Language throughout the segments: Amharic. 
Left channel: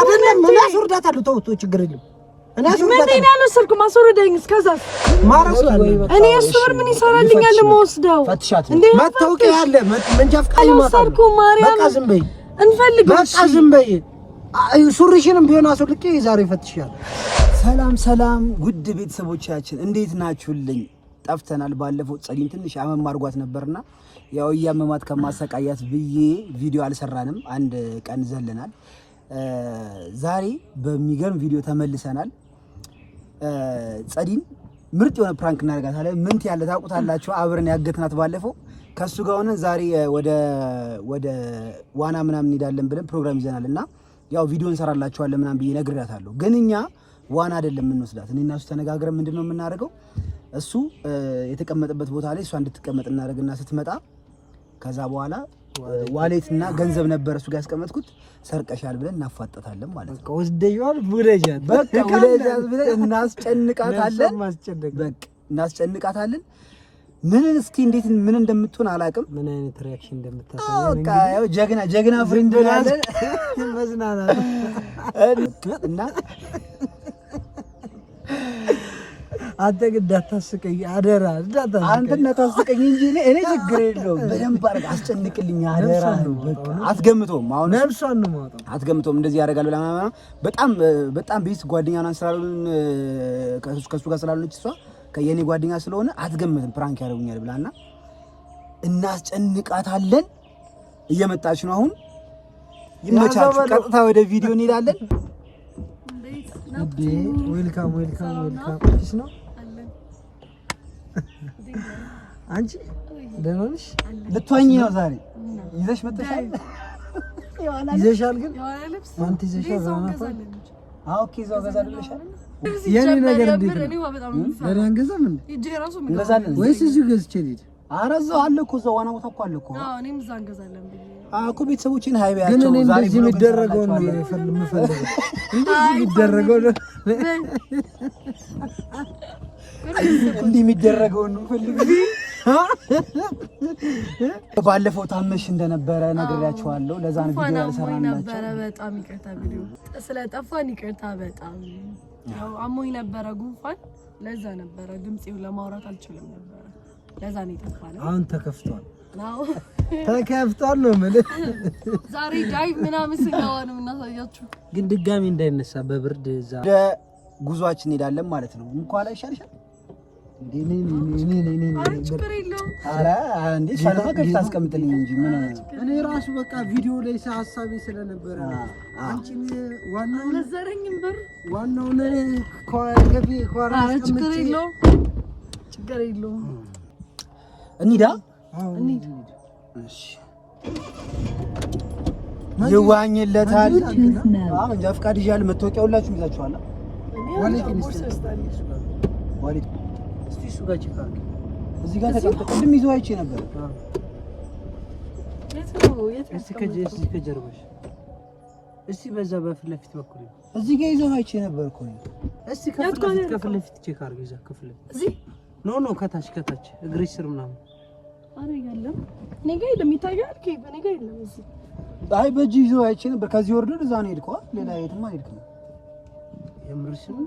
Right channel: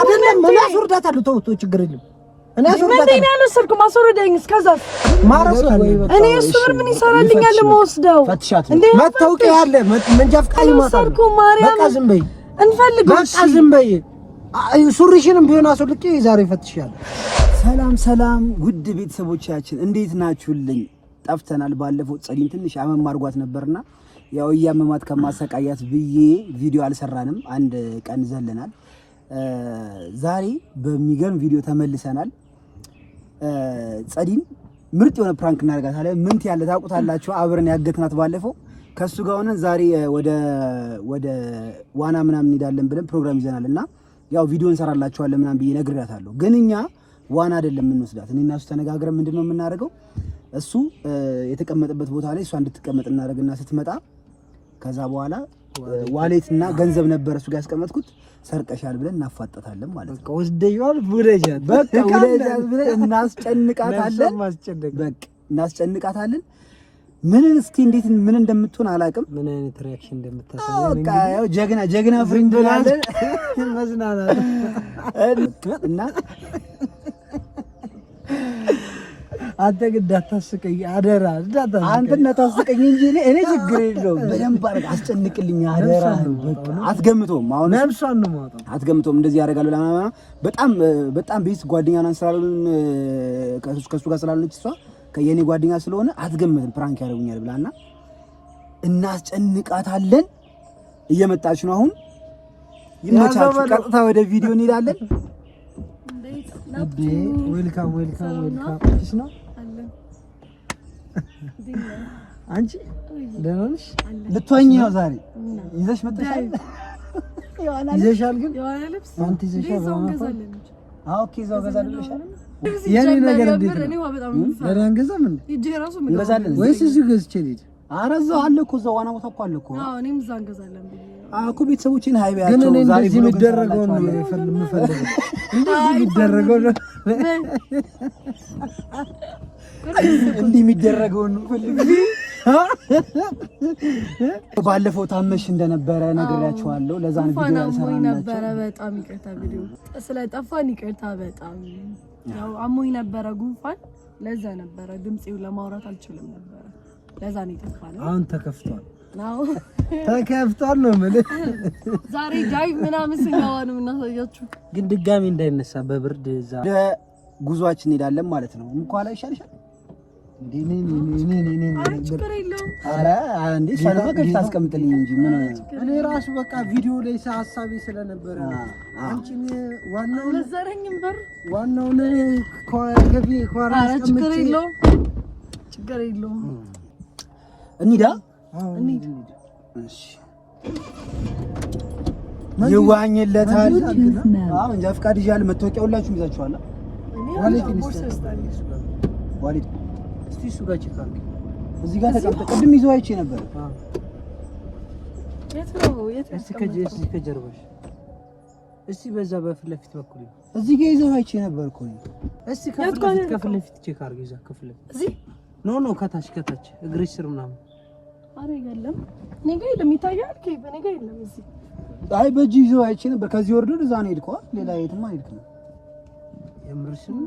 አይደለም ምን አስወርዳታለሁ ተው ችግር የለም እኔ አስወርዳታለሁ ምን ያለሰርኩ ማስወርደኝ እስከዛ ማረሳለ እኔ እሱን ምን ይሰራልኛል ለማወስደው እንዴ መታወቂያ ያለ መንጃ ፍቃድ ይማታል በቃ ዝም በይ እንፈልግሽ በቃ ዝም በይ ሱሪሽንም ቢሆን አስወልቄ ዛሬ ፈትሻለሁ ሰላም ውድ ቤተሰቦቻችን እንዴት ናችሁልኝ ጠፍተናል ባለፈው ጸሊም ትንሽ አመም አርጓት ነበርና ያው ያመማት ከማሰቃያት ብዬ ቪዲዮ አልሰራንም አንድ ቀን ዘለናል ዛሬ በሚገርም ቪዲዮ ተመልሰናል ጸዲን ምርጥ የሆነ ፕራንክ እናደርጋታለን ምን ያለ ታውቁታላችሁ አብረን ያገትናት ባለፈው ከሱ ጋር ሆነ ዛሬ ወደ ዋና ምናምን እንሄዳለን ብለን ፕሮግራም ይዘናልና ያው ቪዲዮ እንሰራላችኋለን ምናምን ብዬ ነግሬያታለሁ ግን እኛ ዋና አይደለም እንወስዳት እኔና እሱ ተነጋግረን ምንድነው የምናደርገው እሱ የተቀመጠበት ቦታ ላይ እሷ እንድትቀመጥ እናደርግና ስትመጣ ከዛ በኋላ ዋሌትና ገንዘብ ነበር እሱ ጋር ያስቀመጥኩት ሰርቀሻል ብለን እናፋጠታለን ማለት ነው ወስደይዋል ቡለጃት በቃ ቡለጃት ብለን እናስጨንቃታለን በቃ እናስጨንቃታለን ምን እስኪ እንዴት ምን እንደምትሆን አላውቅም ምን አይነት ሪአክሽን እንደምታሳየው በቃ ያው ጀግና ፍሬንድ ያለን መዝናናት እና አንተ ግን እንዳታስቀኝ አደራ አንተ እንዳታስቀኝ እንጂ እኔ ችግር የለውም በደንብ አድርግ አስጨንቅልኝ አደራ አትገምቶም አሁን ነፍሷን ነው ማለት አትገምቶም እንደዚህ ያደርጋል በጣም ቤት ጓደኛ ናን ስላሉን ከሱ ጋር ስላሉን እሷ ከየኔ ጓደኛ ስለሆነ አትገምትም ፕራንክ ያደርጉኛል ብላና እናስጨንቃታለን እየመጣች ነው አሁን ይመቻችሁ ቀጥታ ወደ ቪዲዮ እንሄዳለን ዌልካም እሺ ነው አንቺ ደህና ነሽ ልትወኝ ነው ዛሬ ይዘሽ መጥተሻል ይዘሻል ግን አንተ ይዘሻል ኦኬ ዛው ገዛልሻል የኔ ነገር እንዴት ነው ለራን ገዛም እንዴ እንገዛለን ወይስ እዚህ ገዝቼ ልሂድ አረዛው አለ እኮ እዛው ዋና ቦታ እኮ አለ እኮ አዎ እኔም እዛ እንገዛለን ብዬ እኮ ቤተሰቦቼን ሃይባያቸው ዛሬ የሚደረገው ነው የምፈልገው እንደዚህ የሚደረገው ነው እንዲህ የሚደረገው ነው ባለፈው ታመሽ እንደነበረ ነግሬያችኋለሁ ለዛ ነው ቪዲዮ ያልሰራነው ነበር በጣም ይቅርታ ቪዲዮ ስለጠፋን ይቅርታ በጣም ያው አሞኝ ነበረ ጉንፋን ለዛ ነበረ ድምጼው ለማውራት አልችልም ነበር ለዛ ነው የጠፋነው አሁን ተከፍቷል ተከፍቷል ነው ማለት ዛሬ ዳይቭ ምናምን ስንገባን እናሳያችሁ ግን ድጋሚ እንዳይነሳ በብርድ እዛ ጉዟችን እንሄዳለን ማለት ነው እንኳን ላይ ይሻልሻል ችግር የለውም ኧረ እንዴ ሻለማ ከፊት አስቀምጥልኝ እንጂ ምን እኔ ራሱ በቃ ቪዲዮ ላይ ሐሳቤ ስለነበረ አንቺ ዋናው ለዘረኝም በር ዋናው ከፊ ኳራ አስቀምጬ ችግር የለውም እንሂዳ እሺ ይዋኝለታል አሁን እንጃ ፍቃድ ይዣል መታወቂያ ሁላችሁም ይዛችኋል ዋሌት እስቲ እሱ ጋር ቼክ አድርግ እዚህ ጋር ተቀምጠ ቅድም ይዘው አይቼ ነበር እስቲ ከጀርባሽ እስቲ በዛ በፊት ለፊት በኩል እዚህ ጋር ይዘው አይቼ ነበር እኮ እስቲ ከፊት ለፊት ቼክ አድርግ እዛ ከፊት እዚህ ኖ ከታች እግርሽ ስር ምናምን አረ ይገለም እኔ ጋር የለም ይታያል ከኔ ጋር የለም እዚህ አይ በጂ ይዘው አይቼ ነበር ከዚህ ወርዶ እዛ ነው ሄድከው ሌላ የትም አይሄድክም የምርሽ ነው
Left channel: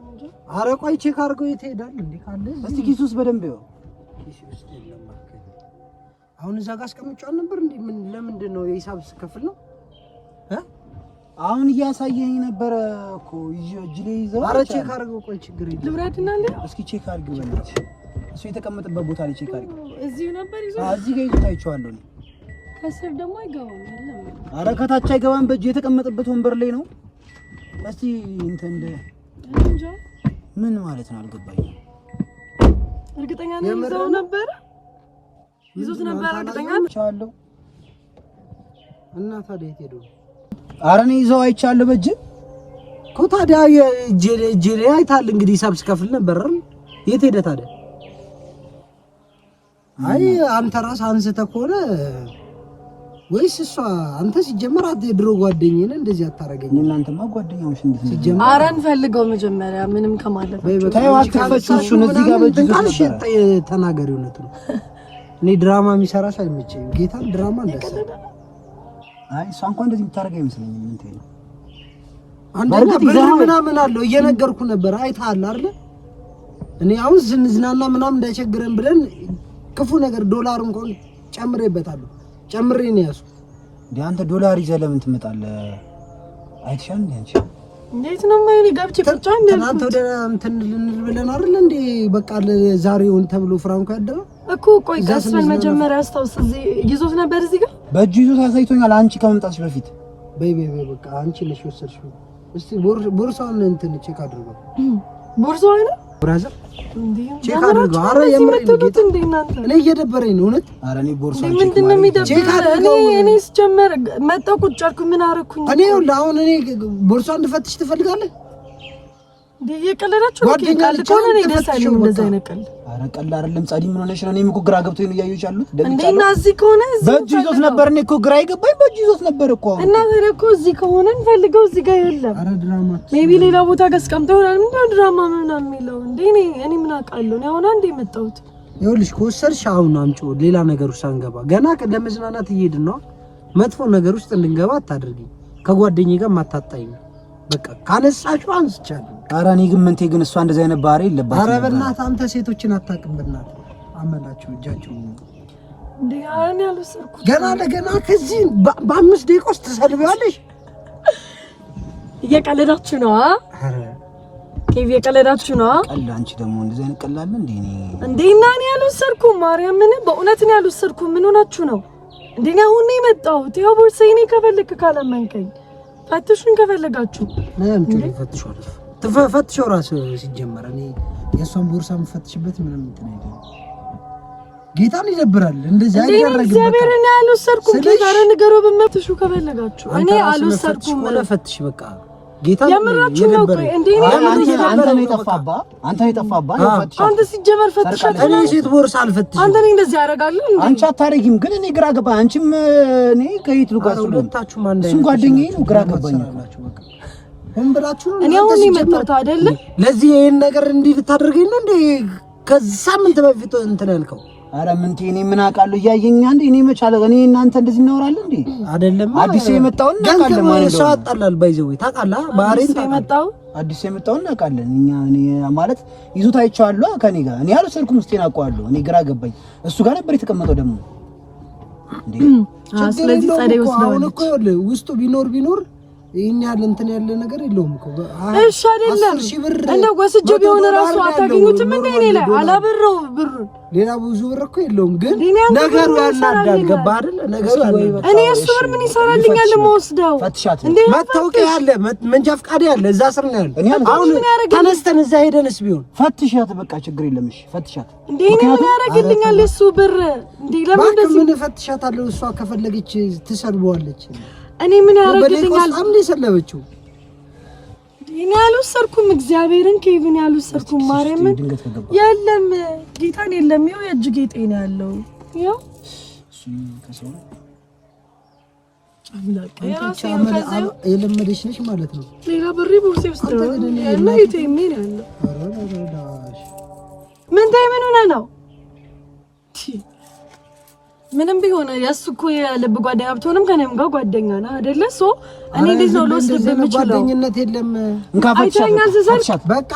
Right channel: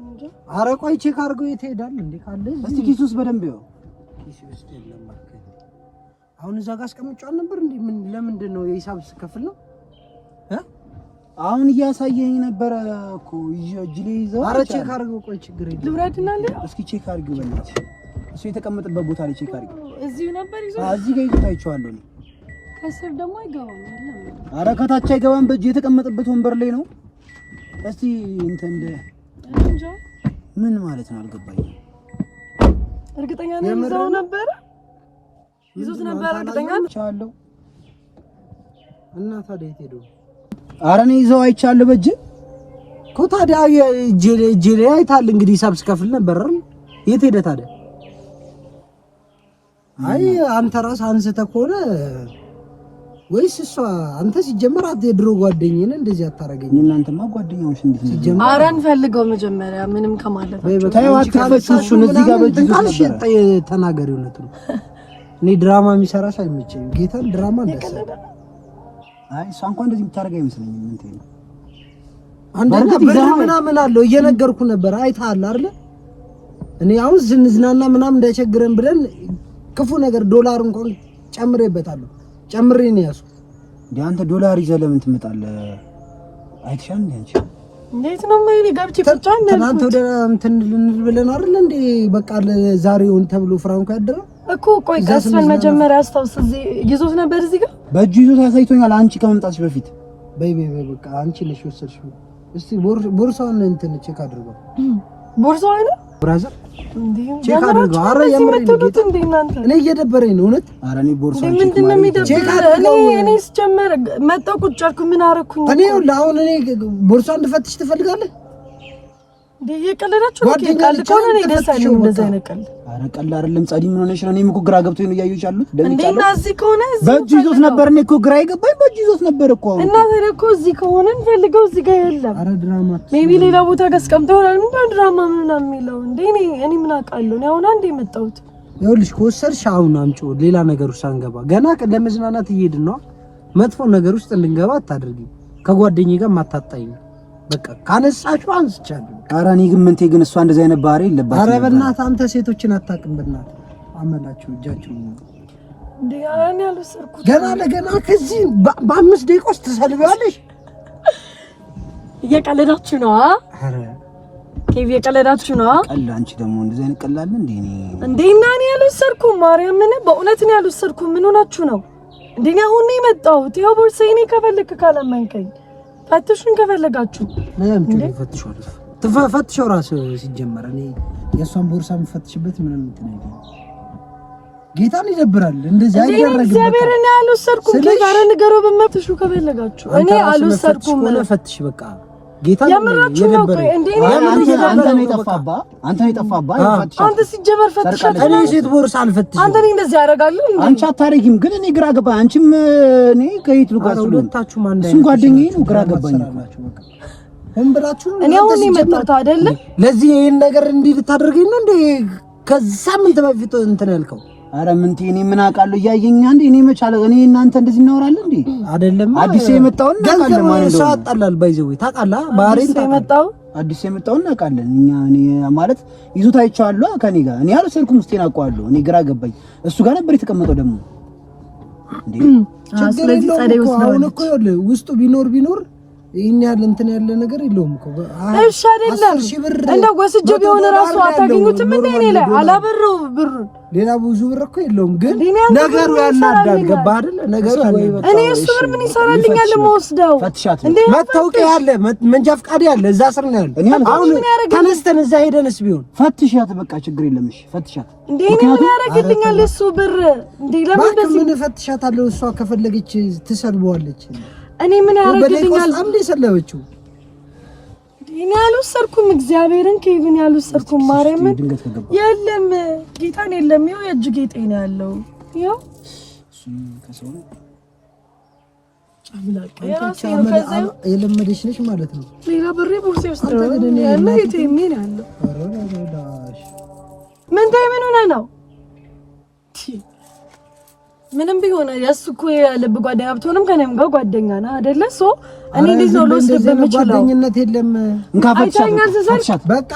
አረ ቆይ ቼክ አድርገው የት ሄዳል እንዴ ካለ እስቲ ኪሱስ በደንብ ይው ኪሱ ውስጥ የለም ማለት አሁን እዛ ጋር አስቀምጫው ነበር እንዴ ምን ለምንድን ነው የሂሳብ ስከፍል ነው አሁን እያሳየኝ ነበር እኮ እጅ ላይ ይዘው አረ ቼክ አድርገው ቆይ ችግር የለም ልብራድና አለ እስኪ ቼክ አድርገው በእናትሽ እሱ የተቀመጠበት ቦታ ላይ ቼክ አድርገው እዚሁ ነበር ይዘው እዚህ ጋር ይታይቻለሁ ከስር ደግሞ አይገባም አረ ከታች አይገባም በእጅ የተቀመጠበት ወንበር ላይ ነው እስቲ እንትን ምን ማለት ነው አልገባኝም እርግጠኛ ነኝ ይዘው ነበር ይዞት ነበር እርግጠኛ ነኝ እና ታዲያ የት ሄዶ አረ እኔ ይዘው አይቻለሁ በእጅ እኮ ታዲያ እጄ ላይ አይታል እንግዲህ ሂሳብ ስከፍል ነበር የት ሄደ ታዲያ አይ አንተ ራስ አንስተህ ከሆነ ወይስ እሷ አንተ ሲጀመር የድሮ ጓደኛዬ ነህ እንደዚህ አታረገኝ እናንተማ ጓደኛዎች እንዴ ሲጀመር አራን ፈልገው መጀመሪያ ምንም ከማለት ታይዋትፈሽን እዚህ ጋር በእጅ ታልሽ ተናገሪው ነው እኔ ድራማ የሚሰራሽ አይመቸኝም ጌታን ድራማ እንደሰራ አይ እሷ እንኳን እንደዚህ የምታረጋ አይመስለኝም እንት ነው አንደኛ ብር ምናምን አለው እየነገርኩ ነበር አይተሃል አይደል? እኔ አሁን ዝንዝናና ምናምን እንዳይቸግረን ብለን ክፉ ነገር ዶላር እንኳን ጨምሬበታለሁ። ጨምሬ ነው ያዝኩት። እንዴ አንተ ዶላር ይዘህ ለምን ትመጣለህ? አይተሻል እንዴ? እንዴት ነው ማለት ጋብቼ ብቻን ነው ትናንት ወደ እንትን ልንል ብለን አይደል እንዴ? በቃ ዛሬውን ተብሎ ፍራንኮ ያደረ እኮ ቆይ ቀስፈን መጀመሪያ አስታውስ። እዚህ ይዞት ነበር እዚህ ጋር በእጁ ይዞት አሳይቶኛል። አንቺ ከመምጣትሽ በፊት በይ በቃ አንቺ ነሽ ወሰድሽው። እስቲ ቦርሳውን እንትን ቼክ አድርገው። ቦርሳው አይደል ብራዘር ቼክ አድርገው። አረ የምር ጌታ እኔ እየደበረኝ ነው እውነት። አረ እኔ ቦርሳው ምንድን ነው የሚደብረው? እኔ ስጀመር መጣሁ ቁጭ አልኩ። ምን አደረኩኝ? እኔ አሁን እኔ ቦርሳውን እንድፈትሽ ትፈልጋለህ? የቀለዳችሁ ቃል ከሆነ ነው ደሳለኝ እንደዛ አይነቀል። አረ ቀል አይደለም ጻዲ ምን ሆነሽ ነው? እኔም እኮ ግራ ገብቶኝ ነው እያዩሽ አሉት። እንደና እዚህ ከሆነ በእጁ ይዞት ነበር። እኔ እኮ ግራ ይገባኝ በእጁ ይዞት ነበር እኮ እና ታዲያ እኮ እዚህ ከሆነ እንፈልገው እዚህ ጋር የለም። አረ ድራማ ሜቢ ሌላ ቦታ አስቀምጠው ይሆናል። ምን ድራማ ምናምን የሚለው እንዴ? እኔ ምን አውቃለሁ? እኔ አሁን አንዴ መጣሁት። ይኸውልሽ ከወሰድሽ አሁን አምጪው። ሌላ ነገር ውስጥ አንገባ። ገና ለመዝናናት እየሄድን ነው። መጥፎ ነገር ውስጥ እንድንገባ አታድርጊ። ከጓደኛዬ ጋር ማታጣኝ በቃ ካነሳችሁ አንስቻለሁ። ኧረ እኔ ግን ምንቴ ግን እሷ እንደዚህ አይነት ባህሪ የለባትም። ኧረ በእናትህ አንተ ሴቶችን አታውቅም። በእናትህ አመላችሁ እጃችሁ እንዴ አረን ያልወሰድኩት ገና ለገና ከዚህ በ5 ደቂቃ ውስጥ ትሰልቢያለሽ። እየቀለዳችሁ ነው? አረ ኬቪ እየቀለዳችሁ ነው? ቀልድ አንቺ ደግሞ እንደዚህ አይነት ቀላል እንዴ? እንዴ እና እኔ ያልወሰድኩም ማርያምን በእውነት ነው ያልወሰድኩም። ምን ሆናችሁ ነው እንዴ? አሁን ነው የመጣሁት። ይኸው ቦርሳዬ እኔ ከፈለክ ካላመንከኝ ፈትሹን ከፈለጋችሁ ለምን ትፈትሽው ራሱ ሲጀመር እኔ የሷን ቦርሳ የምፈትሽበት ምንም እንትን አይደለም። ጌታን ይደብራል እንደዚህ አይደረግም። እግዚአብሔር እኔ አልወሰድኩም። ጌታን ንገሮ በመፍትሹ ከፈለጋችሁ እኔ አልወሰድኩም። ፈትሽ በቃ ጌታን ይደብራል። አንተ ነው የጠፋባ አንተ ሲጀመር ፈትሻት። እኔ ሴት ቦርሳ አልፈትሽም። አንተ እኔ እንደዚህ ያደርጋለሁ እንዴ? አንቺ አታረጊም። ግን እኔ ግራ ገባኝ። አንቺም እኔ ከየት ልጓዝ ነው? ሁለታችሁ ማን እሱም ጓደኛዬ ነው። ግራ ገባኝ። በቃ እንብላችሁ እኔ አሁን የመጣሁት አይደለ? ለዚህ ይሄን ነገር እንዲህ ልታደርገኝ ነው እንዴ? ከሳምንት በፊት እንትን ያልከው አረ ምንቴ እኔ ምን አውቃለሁ? እያየኛ እንዴ እኔ መቻለ እኔ እናንተ እንደዚህ እናወራለን እንዴ? አይደለም አዲስ የመጣውን እናውቃለን ማለት ነው። ሰው አጣላል ባይዘው ታውቃለህ። ባህሪን የመጣው አዲስ የመጣውን እናውቃለን እኛ። እኔ ማለት ይዞት አይቻለሁ ከኔ ጋር እኔ አልወሰድኩም። እስቴን አውቀዋለሁ። እኔ ግራ ገባኝ። እሱ ጋር ነበር የተቀመጠው ደግሞ እንዴ። ስለዚህ ጸደይ ወስደው ውስጡ ቢኖር ይሄን ያለ እንትን ያለ ነገር የለውም እኮ። እሺ አይደለም እንደው ወስጄ ቢሆን ራሱ አታገኙትም እንዴ? እኔ ላይ አላበረው ብር ሌላ ብዙ ብር እኮ የለውም፣ ግን ነገሩ ያናዳል። ገባ አይደል? ነገሩ ያናዳል። እኔ እሱ ብር ምን ይሰራልኛል? የምወስደው እንዴ መታወቂያ ያለ መንጃ ፈቃድ ያለ እዛ ስር ነው ያለው። አሁን ተነስተን እዛ ሄደንስ ቢሆን ፈትሻት፣ በቃ ችግር የለም። እሺ ፈትሻት እንዴ ምን ያደርግልኛል እሱ ብር? እንዴ ለምን እንደዚህ ምን ፈትሻታለሁ? እሷ ከፈለገች ትሰልበዋለች። እኔ ምን ያደርግልኛል? በጣም ነው የሰለበችው። እኔ አልወሰድኩም። እግዚአብሔርን ኬቪን ያልወሰድኩም። ማርያምን የለም ጌታን የለም። ይኸው የእጅ ጌጤ ነው ያለው። ይኸው የለመደች ነች ማለት ነው። ሌላ ብሬ ቦርሴ ውስጥ ነው ያለው። የቴሜ ነው ያለው። ምን ታይ ምን ሆነ ነው? ምንም ቢሆን የእሱ እኮ የልብ ጓደኛ ብትሆንም ከእኔም ጋር ጓደኛ ነህ አይደለ? ሶ እኔ እንዴት ነው ልወስድብህ የምችለው? ጓደኝነት የለም። እንካፈትሻት በቃ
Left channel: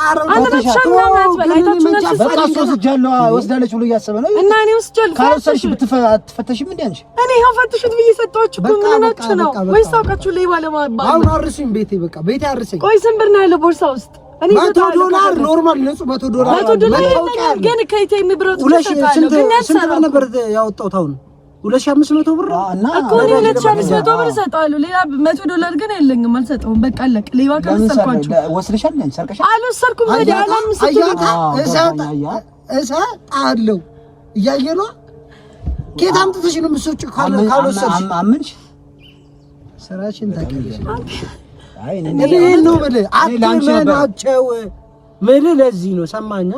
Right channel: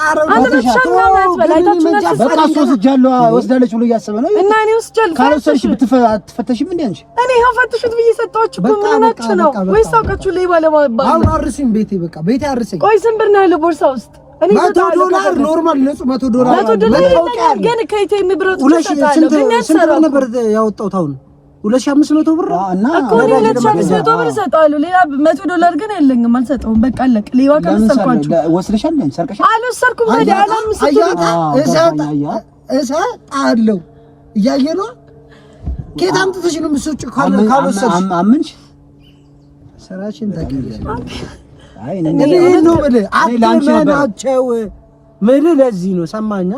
ወስዳለች ብሎ እያሰበ ነው። እና እኔ ወስጃለሁ። ካልወሰድሽ ብትፈተሽም እንደ አንቺ እኔ ይኸው ፈትሹት ብዬ ሰጣችሁ እኮ። ምን ሆናችሁ ነው? ወይስ አውቃችሁ ሌባ ለማባል? አሁን አርሱኝ ቤቴ፣ በቃ ቤቴ አርሰኝ። ቆይ ስንት ብር ነው ያለው ቦርሳ ውስጥ? እኔ $100 ኖርማል ንጹህ $100 ግን ከኢቴም ብር ስንት ነበር ያወጣሁት? አሁን 2500 ብር እና እኮ 2500 ብር ሰጣለሁ። ሌላ $100 ግን የለኝም፣ አልሰጠውም። በቃ አለቅ። ሌባ ከመሰልኳችሁ ወስደሻል እንዴ? ሰርቀሻል? አልወሰድኩም። ታዲያ እሰጣለሁ እያየህ ነው። ከየት አምጥተሽ ነው የምትሰጪው? ካልወሰድሽ አምንሽ ስራሽን ታገኛለሽ። አይ ነው አትመናቸው። ለዚህ ነው ሰማኛ።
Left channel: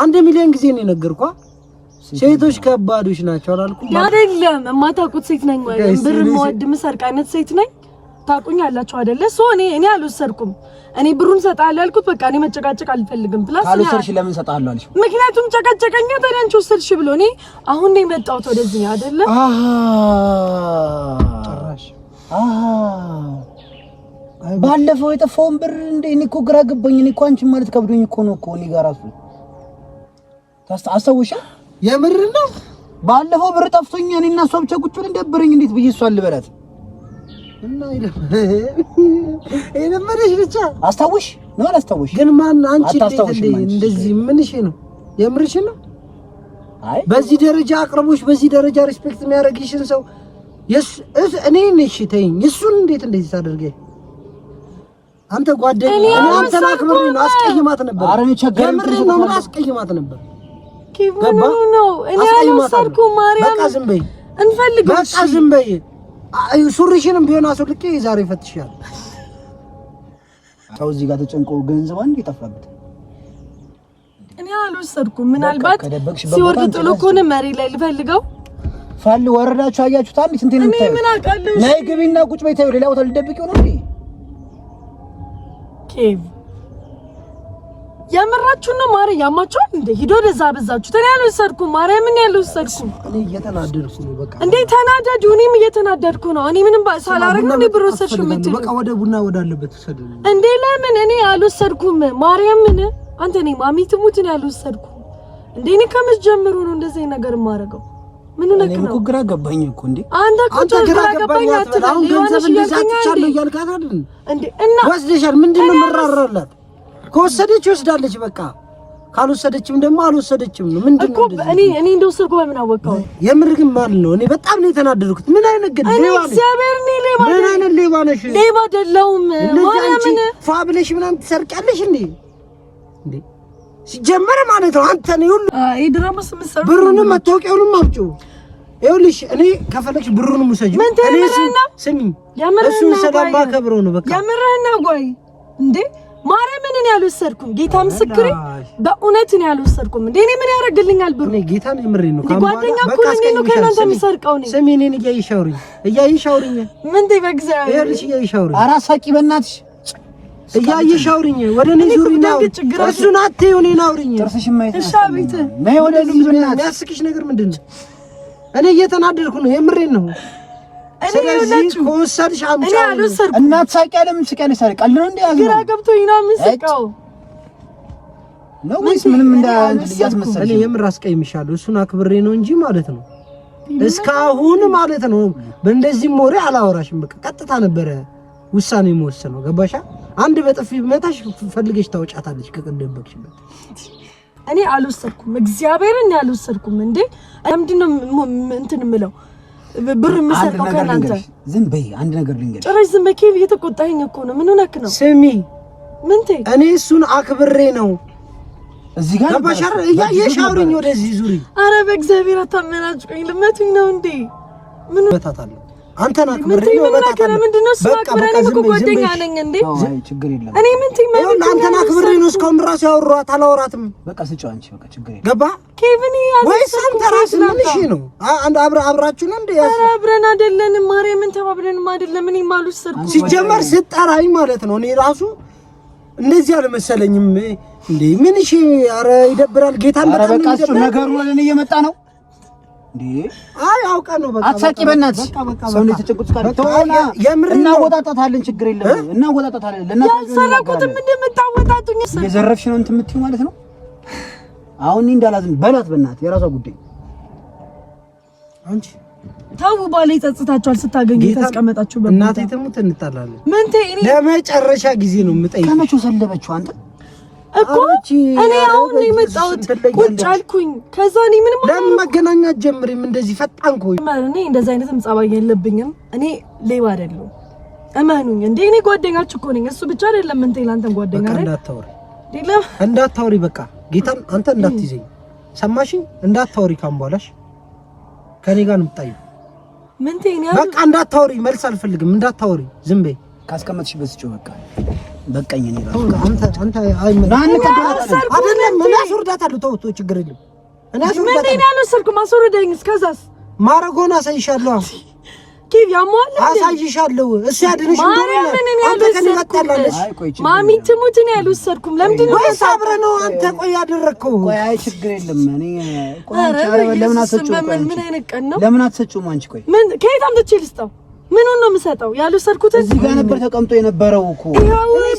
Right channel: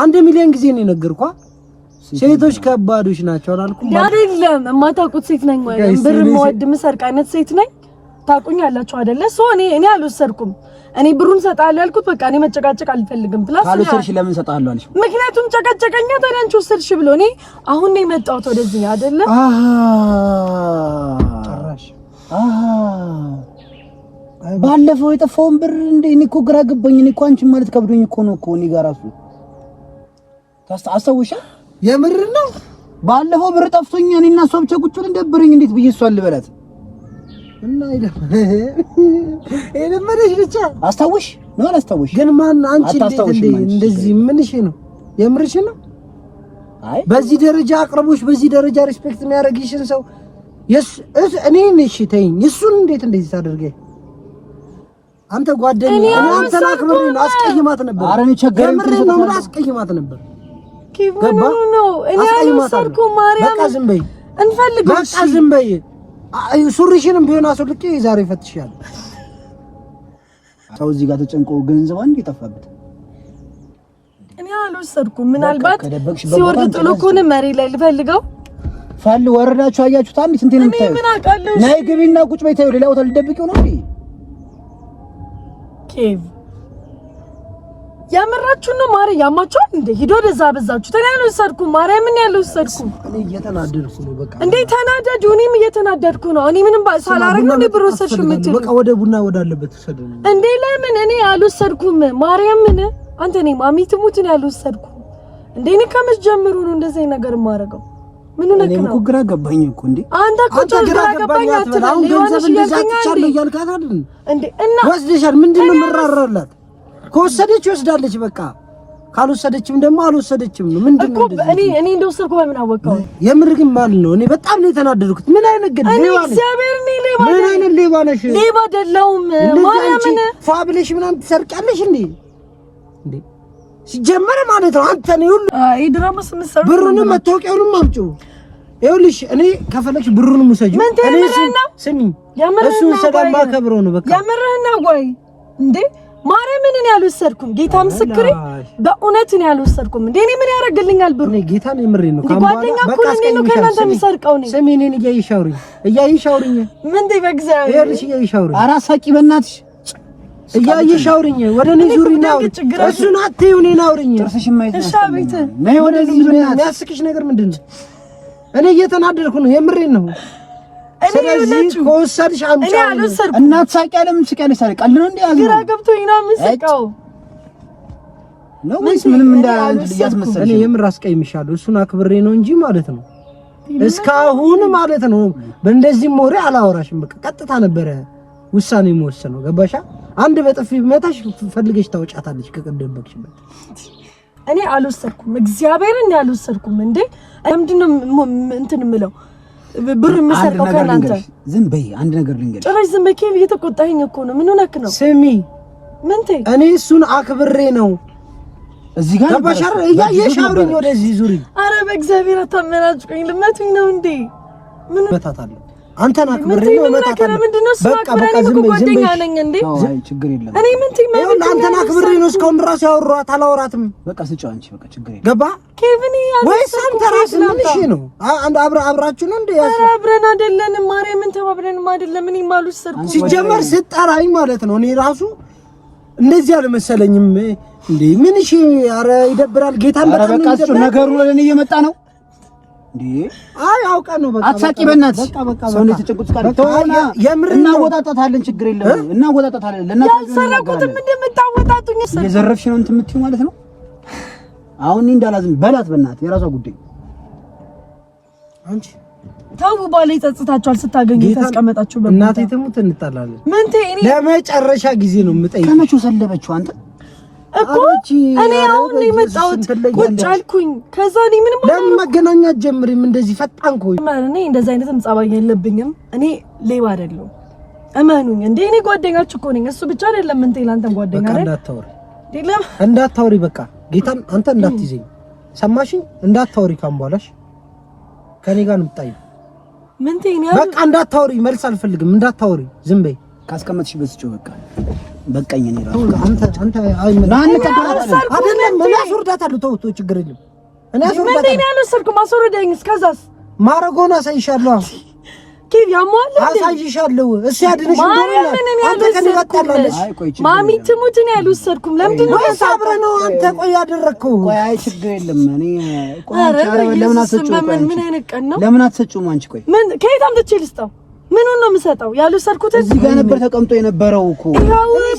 1 ሚሊዮን ጊዜ ነው የነገርኳ። ሴቶች ከባዶች ናቸው አላልኩም? አይደለም የማታውቁት ሴት ነኝ ማለት ብር የምወድ የምሰርቅ አይነት ሴት ነኝ። ታውቁኛላችሁ አይደለ? ሶ እኔ አልወሰድኩም። እኔ ብሩን ሰጣለሁ ያልኩት በቃ እኔ መጨቃጨቅ አልፈልግም። ፕላስ ካልወሰድሽ ለምን ሰጣለሁ አልሽ? ምክንያቱም ጨቀጨቀኛ። ታዲያ አንቺ ወሰድሽ ብሎ እኔ አሁን ነው የመጣሁት ወደዚህ አይደለ? ጭራሽ ባለፈው የጠፋውን ብር እንዴ እኔ እኮ ግራ ገባኝ። እኔ እኮ አንቺን ማለት ከብዶኝ እኮ ነው እኮ እኔ ጋር ራሱ አስታውሻ የምር ነው። ባለፈው ብር ጠፍቶኝ እኔና እሷ ብቻ ቁጭ ብለን ደብረኝ እንዴት ብዬ እሷን ልበላት እና የለመደሽ ብቻ አስታውሽ ነው አላስታውሽ ግን ማን አንቺ እንደዚህ ምንሽ ነው የምርሽ ነው? አይ በዚህ ደረጃ አቅርቦሽ በዚህ ደረጃ ሪስፔክት የሚያደርግሽን ሰው እኔ ነሽ ተይኝ። እሱን እንዴት እንደዚህ ታደርገ? አንተ ጓደኛ አንተ አክብሬ ነው አስቀይማት ነበር። አረ ቸገረኝ ነው አስቀይማት ነበር። ገባ ነው እኔ አልወሰድኩም። ማርያም በቃ ዝም በይ እንፈልግ በቃ ዝም በይ። ሱሪሽንም ቢሆን አስወልቄ ዛሬ ፈትሻለሁ። ሰው እዚህ ጋር ተጨንቆ ገንዘብ አንዴ ጠፋበት። እኔ አልወሰድኩም። ምናልባት ሲወርድ ጥሎ ከሆነ መሬት ላይ ልፈልገው ፋል ወረዳችሁ አያችሁት አንዴ ስንቴ ነው የምታዩት? ነይ ግቢና ቁጭ በይ። ተይው ሌላ ቦታ ልደብቂው ነው እንዴ? ኬቭ ያመራችሁ ነው ማሪ ያማችኋል እንዴ? ሂዶ ወደዛ በዛችሁ። ተኔ አልወሰድኩም። ማርያምን ያልወሰድኩም። እየተናደድኩ ነው በቃ። እንዴ ተናደዱ። እኔም እየተናደድኩ ነው። እኔ ምንም ሳላረግ ነው ብር ወሰድሽ የምትሉ በቃ ወደ ቡና ወዳለበት ወሰደኝ እንዴ? ለምን እኔ አልወሰድኩም። ማርያምን አንተ ነኝ ማሚ ትሙት ነው ያልወሰድኩም እንዴ? እኔ ከመች ጀምሮ ነው እንደዚህ ነገር የማደርገው? ምን ነው እኔ እኮ ግራ ገባኝ እኮ እንዴ። አንተ ግራ ገባኝ አትበል። አሁን ገንዘብ እንደዛትቻለሁ እያልካት አይደል እንዴ? እና ወስደሻል። ምንድነው መራራላት? ከወሰደች ወስዳለች በቃ። ካልወሰደችም ደግሞ አልወሰደችም ነው። ምንድነው እኔ እንደወሰድኩ በምን አወቀው? የምር ግን ማለት ነው እኔ በጣም ነው የተናደድኩት። ምን አይነት ግን ሌባ ነሽ? ምን አይነት ሌባ ነሽ? ሌባ አይደለሁም። ማርያምን ፋብለሽ ምናምን ትሰርቂያለሽ እንዴ? እንዴ ሲጀመር ማለት ነው አንተ ነው ሁሉ ድራማስ መስራት ብሩንም መታወቂያውንም አምጪው። ይኸውልሽ እኔ ከፈለግሽ ብሩንም ውሰጂው። እኔ ስሚ እሱን ስለማከብረው ነው በቃ። ያመረህና ቆይ እንዴ ማርያምን እኔ አልወሰድኩም። ጌታ ምስክሬ በእውነት እኔ አልወሰድኩም። እንዴ እኔ ምን ያደርግልኛል ብሩ? እኔ ጌታን የምሬን ነው። ጓደኛ እኮ ነው ከእናንተ የሚሰርቀው ነው። ስሚ እኔን እያየሽ አውሪኝ ምን ትይ በእግዚአብሔር ይኸውልሽ እያየሽ አውሪኝ። ኧረ ሳቂ በእናትሽ እያየሽ አውሪኝ። ወደ እኔ ዙሪና እሱን አትይው እኔን አውሪኝ። ጥርስሽ ማይታ እሺ አቤት ነይ ወደ እዚህ የሚያስቅሽ ነገር ምንድን ነው? እኔ እየተናደድኩ ነው የምሬን ነው። ስለዚህ ከወሰድሽ አምጪ እናት ሳቂ ያለም ስቀልሽ ሳቂ ቀልድ ነው እንዴ? ግራ ገብቶኝ ነው የምስቀው ነው ወይስ ምንም እንዳያስመስል? እኔ የምር አስቀይምሻለሁ። እሱን አክብሬ ነው እንጂ ማለት ነው እስካሁን ማለት ነው በእንደዚህ ሞሬ አላወራሽም። በቃ ቀጥታ ነበረ ውሳኔ የምወስነው ገባሻ? አንድ በጥፊ መታሽ ፈልገሽ ታውጫታለሽ ከቀደምበክሽበት። እኔ አልወሰድኩም። እግዚአብሔርን አልወሰድኩም። እንዴ ለምንድነው እንትን የምለው ብር የምሰርቀው ከእናንተ? ዝም በይ። አንድ ነገር ልንገርሽ። ጭራሽ ዝም በይ። ኬቭ እየተቆጣኸኝ እኮ ነው። ምን ሆነክ ነው? ስሚ ምን ትይ? እኔ እሱን አክብሬ ነው እዚህ ጋር ገባሻር? እያየሽ አውሪኝ። ወደዚህ ዙሪ። አረ በእግዚአብሔር አታመናጭቁኝ። ልመቱኝ ነው እንዴ? ምን መታታለሁ? አንተን አክብሬ ነው መታታለሁ። በቃ በቃ ዝም በይ። ዝም በይ እንዴ? አይ ችግር የለም። እኔ ምን ትይ? ማለት አንተን አክብሬ ነው እስካሁን ራስ ያወራኋት አላወራትም። በቃ ስጪው አንቺ በቃ ችግር የለም። ገባ ኬቭን ወይስ አንተ ራስህ ምን እሺ ነው? አንድ አብራችሁ ነው እንዴ? አብረን አይደለንም። ማርያምን ተባብረንም አይደለም። እኔ ማልወሰድኩም። ሲጀመር ስጠራኝ ማለት ነው እኔ ራሱ እንደዚህ አልመሰለኝም እንዴ። ምን እሺ? ኧረ ይደብራል። ጌታን በጣም ነው ይደብራል። ነገሩ ወደ እኔ እየመጣ ነው እንዴ? አይ አውቀህ ነው። በቃ አትሳቂ በእናትሽ። ሰው ነው የተጨቁት ካለ ተውና እናወጣጣታለን። ችግር የለም እናወጣጣታለን። ለእናትሽ ያሰራቁትም እንደምታወጣጡኝ የዘረፍሽ ነው እንትን የምትይው ማለት ነው። አሁን እኔ እንዳላዝም በላት በእናትህ የራሷ ጉዳይ። አንቺ ታው ባለ ይጸጽታችኋል ስታገኙ ተስቀመጣችሁ። እናቴ ትሙት እንጣላለን። ምን ተይ ለመጨረሻ ጊዜ ነው የምጠይቀው። ከመቼው ሰለበችው አንተ እኮ እኔ አሁን ነው የመጣሁት። ቁጭ አልኩኝ። ከዛ እኔ ምንም ለምን መገናኛት ጀምሪም እንደዚህ ፈጣን ኮይ እኔ እንደዚህ አይነትም ጸባይ የለብኝም። እኔ ሌባ አይደለሁም እመኑኝ። እንዴ እኔ ጓደኛችሁ እኮ ነኝ። እሱ ብቻ አይደለም እንት ይላንተን ጓደኛ አይደል? እንዳታወሪ በቃ ጌታን አንተ እንዳትይዘኝ ሰማሽኝ? እንዳታወሪ ካምባላሽ ከኔ ጋር ነው የምትጣይው። ምን ትይኝ? በቃ እንዳታወሪ፣ መልስ አልፈልግም። እንዳታወሪ ዝም በይ። ካስቀመጥሽ በስጪው በቃ በቃኝ። እኔ ራሱ አንተ አይደለም እኔ አስወርዳታለሁ። ተው ችግር የለም። እኔ አስወርዳታለሁ። ምን ያለሰርኩም አስወርደኝ። እስከዛስ ማረጎና አሳይሻለሁ። ኬቭ ያሟል አሳይሻለሁ። እሱ ያድንሽ እንደሆነ አንተ ከኔ ጋር ታላለሽ። ማሚ ትሙትን ያልወሰድኩም ለምንድን ነው ሳብረ ነው አንተ ቆይ ያደረከው? ቆይ አይ ችግር የለም። እኔ ቆይ አንቺ ለምን አትሰጪውም? ቆይ ምን አይነት ቀን ነው? ለምን አትሰጪውም አንቺ? ቆይ ምን ከየት አምጥቼ ልስጠው? ምን ነው የምሰጠው? ያልወሰድኩት እዚህ ጋር ነበር ተቀምጦ የነበረው እኮ።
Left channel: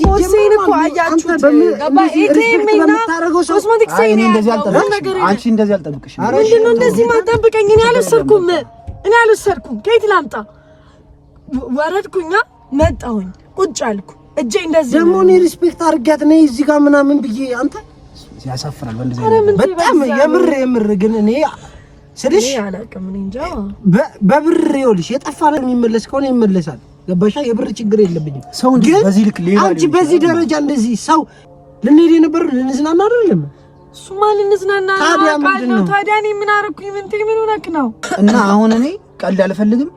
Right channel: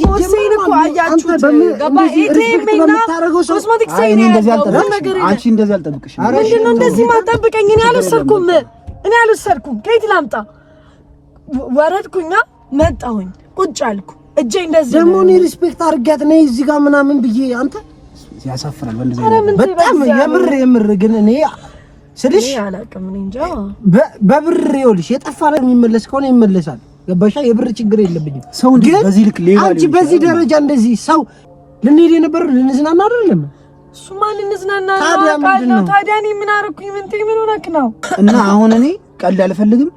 ቦርሴን እኮ አያችሁት። እንደዚህ ሪስፔክት በምታረገው ሰው አይ እኔ እንደዚህ አልጠብቅሽም። አንቺ እንደዚህ አልጠብቅሽም። ምንድን ነው እንደዚህ ማጠብቀኝ? እኔ አልወሰድኩም። ከየት ላምጣ? ወረድኩኛ፣ መጣሁኝ፣ ቁጭ አልኩ። እጄ እንደዚህ ደግሞ እኔ ሪስፔክት አድርጋት ነኝ እዚህ ጋር ምናምን ብዬ አንተ ያሳፍራል። ወንድም በጣም የምር ግን እኔ ስልሽ አላውቅም። እኔ እንጃ በብር ይኸውልሽ የጠፋ ነው የሚመለስ ከሆነ ይመለሳል። ገባሻ? የብር ችግር የለብኝም። ሰው በዚህ ልክ ሌላ አንቺ በዚህ ደረጃ እንደዚህ ሰው ልንሄድ የነበር ልንዝናና አይደለም። እሱማ ልንዝናና ታዲያ ምንድን ነው? ታዲያ እኔ ምን አደረኩኝ? ምን ሆነክ ነው? እና አሁን እኔ ቀልድ አልፈልግም።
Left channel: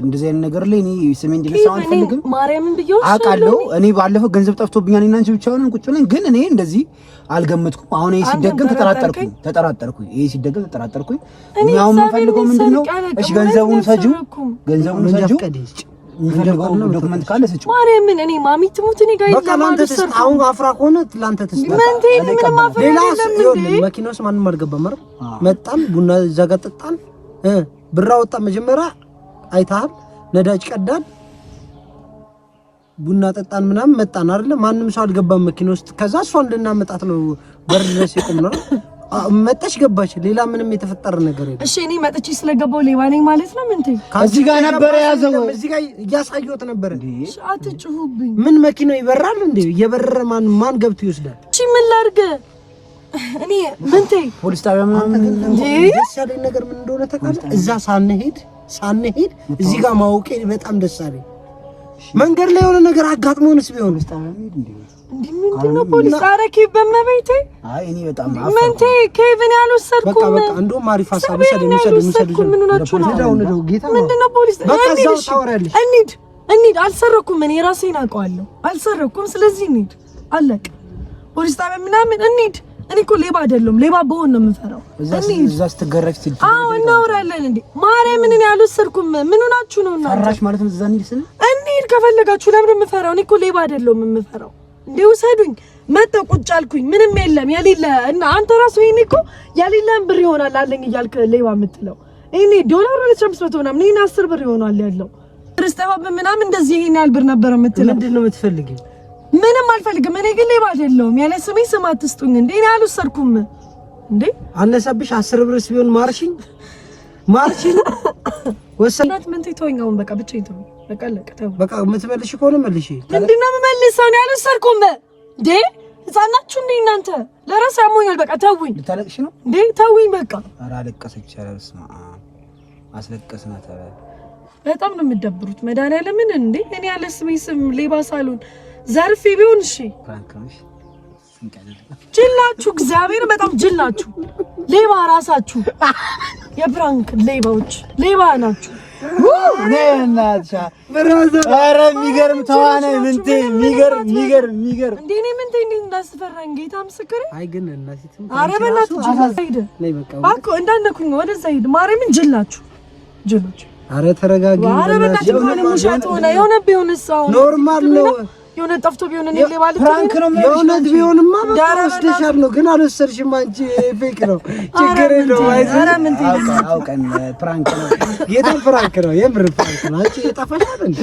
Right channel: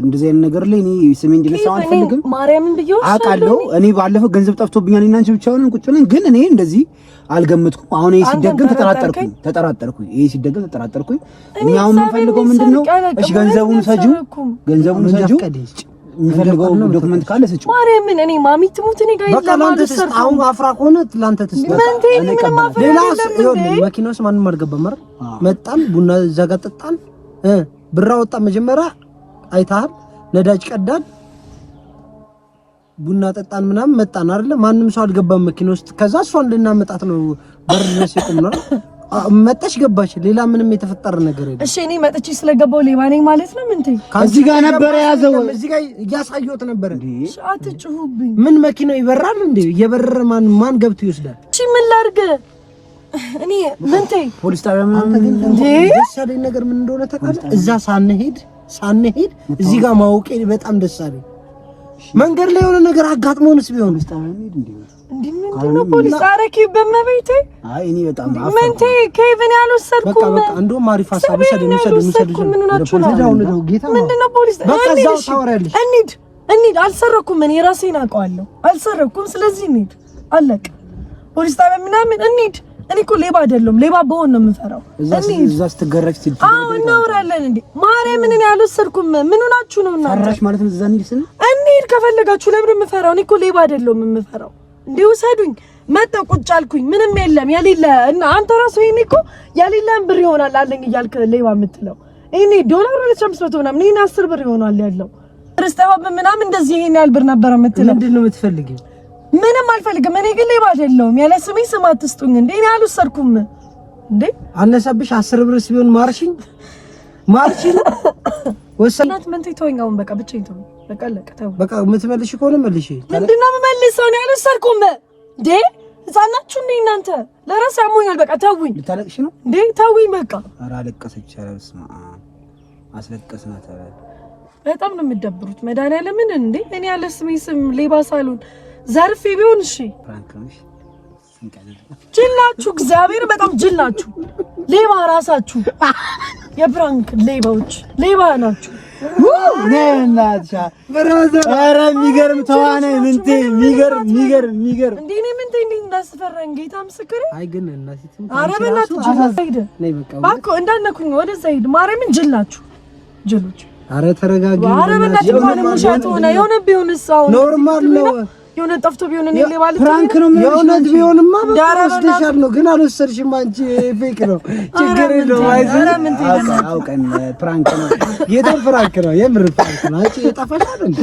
እንደዚህ አይነት ነገር ላይ እኔ ስሜ እንዲነሳው አልፈልግም። ማርያምን ብየው አውቃለሁ። እኔ ባለፈው ገንዘብ ጠፍቶብኛል እና አንቺ ብቻ ሆነን ቁጭ ብለን ግን እኔ እንደዚህ አልገመትኩም። አሁን ይሄ ሲደገም ተጠራጠርኩኝ። እኛው የምንፈልገው ምንድነው? እሺ ገንዘቡን ሰጂው የሚፈልገው ዶክመንት ካለ ሰጪው። ማርያምን እኔ ማሚ ትሙት እኔ ጋር በቃ ላንተ ተስፋ አሁን አፍራ ከሆነ ላንተ ተስፋ ሌላ መኪና ውስጥ ማንም አልገባም። መጣን፣ ቡና እዛ ጋር ጠጣን፣ ብራ ወጣ። መጀመሪያ አይታል ነዳጅ ቀዳን፣ ቡና ጠጣን፣ ምናምን መጣን አይደለ? ማንም ሰው አልገባም መኪና ውስጥ። ከዛ እሷን እንድናመጣት ነው በር ድረስ ይቆም ነው። መጣች፣ ገባች። ሌላ ምንም የተፈጠረ ነገር የለም። እሺ እኔ መጥቼ ስለገባው ሌባ ነኝ ማለት ነው? ምን ትይ? እዚህ ጋር ነበር ያዘው፣ እዚህ ጋር እያሳየሁት ነበር። አትጩሁብኝ። ምን መኪናው ይበራል እንዴ? የበረረ ማን ገብቶ ይወስዳል? እሺ ምን ላድርግ እኔ? ምን ትይ? ፖሊስ ጣቢያ ምናምን እንዴ? ደስ ያለኝ ነገር ምን እንደሆነ ታውቃለህ? እዛ ሳንሄድ እዚህ ጋር ማውቄ በጣም ደስ አለኝ። መንገድ ላይ የሆነ ነገር አጋጥሞንስ ቢሆን ምንድነው ፖሊስ አረኪ በመቤቴ? አይ እኔ በጣም ምንቴ ኬቪን ያልወሰድኩም። በቃ እንደውም አሪፍ ሀሳብ ምንድነው ፖሊስ በቃ እዛው ታወራለሽ። እንሂድ። አልሰረኩም፣ እኔ ራሴን አውቀዋለሁ። አልሰረኩም፣ ስለዚህ እንሂድ። አለቀ። ፖሊስ ጣቢያ ምናምን እንሂድ። እኔ እኮ ሌባ አይደለም፣ ሌባ በሆነ ነው የምፈራው። እዛ ስትገረፍ ትል አዎ እናወራለን እንዴ። ማርያምን እኔ አልወሰድኩም። ምን ሆናችሁ ነው እናንተ? ፈራሽ ማለት ነው። እዛ እንሂድ ከፈለጋችሁ። ለምን የምፈራው? እኔ እኮ ሌባ አይደለም የምፈራው። እንዴ ውሰዱኝ። መጣሁ፣ ቁጭ አልኩኝ። ምንም የለም የሌለ እና አንተ ራስህ ይሄኔ እኮ የሌለን ብር ይሆናል አለኝ እያልክ ሌባ የምትለው ይሄኔ $200 ምናምን ይሄን 10 ብር ይሆናል ያለው ክርስቲያው ምናምን እንደዚህ ይሄን ያህል ብር ነበር የምትለው። ምንድን ነው የምትፈልጊው? ምንም አልፈልግም። እኔ ግን ሌባ አይደለሁም። ያለ ስሜ ስም አትስጡኝ። እንዴ እኔ አልወሰድኩም። እንዴ አነሳብሽ 10 ብርስ ቢሆን ማርሽኝ ወሰናት ምን ትይቶኝ? አሁን በቃ ብቻ ይተው። በቃ ለቀተው በቃ የምትመልሽ ከሆነ መልሽ። ምንድነው የምመልሰው? ነው ያልወሰድኩም። እንዴ ህፃናችሁ እንዴ እናንተ? ለራስ ያሞኛል። በቃ ተውኝ። ልታለቅሽ ነው እንዴ? ተውኝ በቃ። ኧረ አለቀሰች። አላስማ አስለቀስናት። ኧረ በጣም ነው የምትደብሩት። መድኃኒዓለምን እንዴ እኔ ያለ ስሜ ስም ሌባ ሳልሆን ዘርፌ ቢሆን እሺ። ፍራንክሽ ጅላችሁ እግዚአብሔር በጣም ጅላችሁ ሌባ ራሳችሁ የፍራንክ ሌባዎች ሌባ ናችሁ። ነናቻ ኧረ የሚገርም ተዋናይ ምንቴ የሚገርም እንዴ እኔ ምንቴ እንዳስፈራኝ ጌታ ምስክሬ። አይ ግን እናሲቱ ኧረ በእናትህ ሄደ እባክህ እንዳነኩኝ ወደዛ ሂድ። ማርያምን ጅላችሁ ጅሎች። ኧረ ተረጋጊ። ኧረ በእናትህ ማለት የሆነ ቢሆንስ አሁን ኖርማል ነው። የሆነ ጠፍቶ ቢሆን እኔ ሌባ ልክ ፍራንክ ነው። የሆነ ቢሆንማ ወስደሻል ነው፣ ግን አልወሰድሽም አንቺ። ፌክ ነው፣ ችግር የለውም። አውቀን ፍራንክ ነው፣ ጌታ ፍራንክ ነው፣ የምር ፍራንክ ነው። አንቺ እየጠፋሽ አይደል?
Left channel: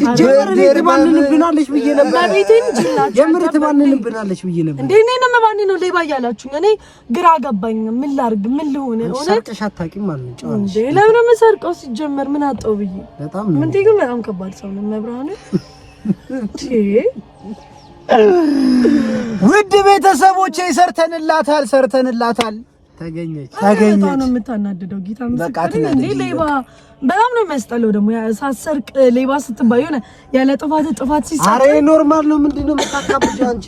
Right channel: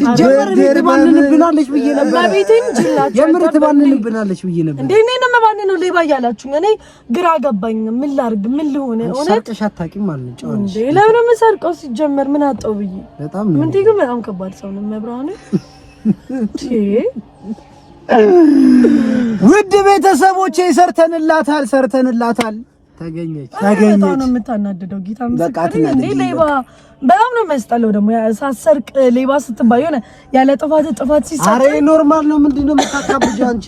ሲጀመር ትባንንብናለሽ ብዬ ነበር። የምር ትባንንብናለሽ ብዬ ነበር። እንዴ እኔ ነው ማን ነው ሌባ እያላችሁ? እኔ ግራ ገባኝ። ምን ላድርግ? ምን ልሆነ? ሰርቀሽ አታውቂም ማለት ነው። ጨዋለሽ እንዴ ለምን የምሰርቀው? ሲጀመር ምን አጣው ብዬ በጣም ነው። ምን ግን በጣም ከባድ ሰው ነው መብራኔ። ውድ ቤተሰቦቼ ሰርተንላታል። ተገኘች። በጣም ነው የምታናድደው። ጌታ በቃ ትናደድ። ሌባ በጣም ነው የሚያስጠላው። ደግሞ ሳሰርቅ ሌባ ስትባይ ሆነ ያለ ጥፋት ሲሰጥ። ኧረ ኖርማል ነው። ምንድነው የምታካብጂው አንቺ?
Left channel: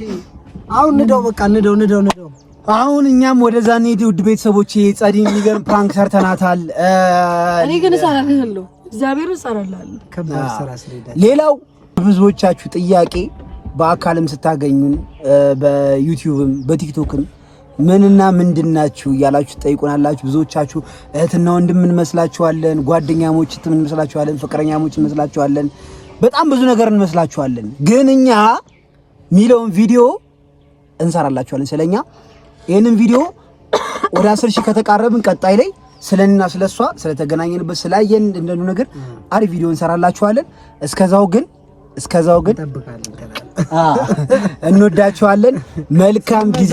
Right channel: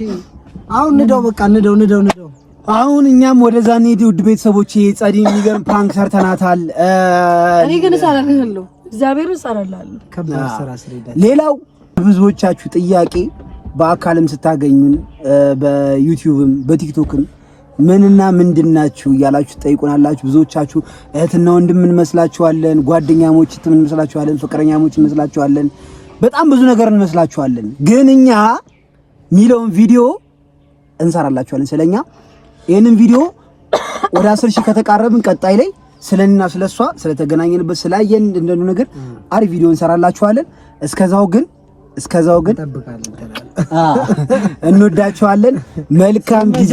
አሁን ንደው፣ በቃ ንደው። አሁን እኛም ወደዛ እንሂድ። ውድ ቤተሰቦቼ ጸዲ የሚገርም ፕራንክ ሰርተናታል። እኔ ግን እሰራለሁ፣ እግዚአብሔር እሰራለሁ። ከባድ ስራ ስለሄደ ሌላው ብዙዎቻችሁ ጥያቄ በአካልም ስታገኙን በዩቲዩብም በቲክቶክም ምንና ምንድናችሁ እያላችሁ ጠይቁናላችሁ። ብዙዎቻችሁ እህትና ወንድም እንመስላችኋለን፣ ጓደኛሞች እንመስላችኋለን፣ ፍቅረኛሞች እንመስላችኋለን፣ በጣም ብዙ ነገር እንመስላችኋለን። ግን እኛ ሚለውን ቪዲዮ እንሰራላችኋለን ስለኛ። ይሄንን ቪዲዮ ወደ 10 ሺህ ከተቃረብን ቀጣይ ላይ ስለኔና ስለሷ ስለተገናኘንበት ስላየን እንደነ ነገር አሪፍ ቪዲዮ እንሰራላችኋለን። እስከዛው ግን እንወዳችኋለን። መልካም ጊዜ።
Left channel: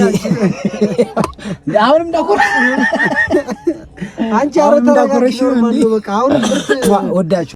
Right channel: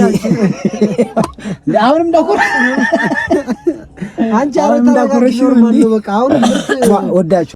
አሁንም እንዳቆረሽ አንቺ አሁን እንዳቆረሽ ነው። በቃ አሁን ወዳችሁ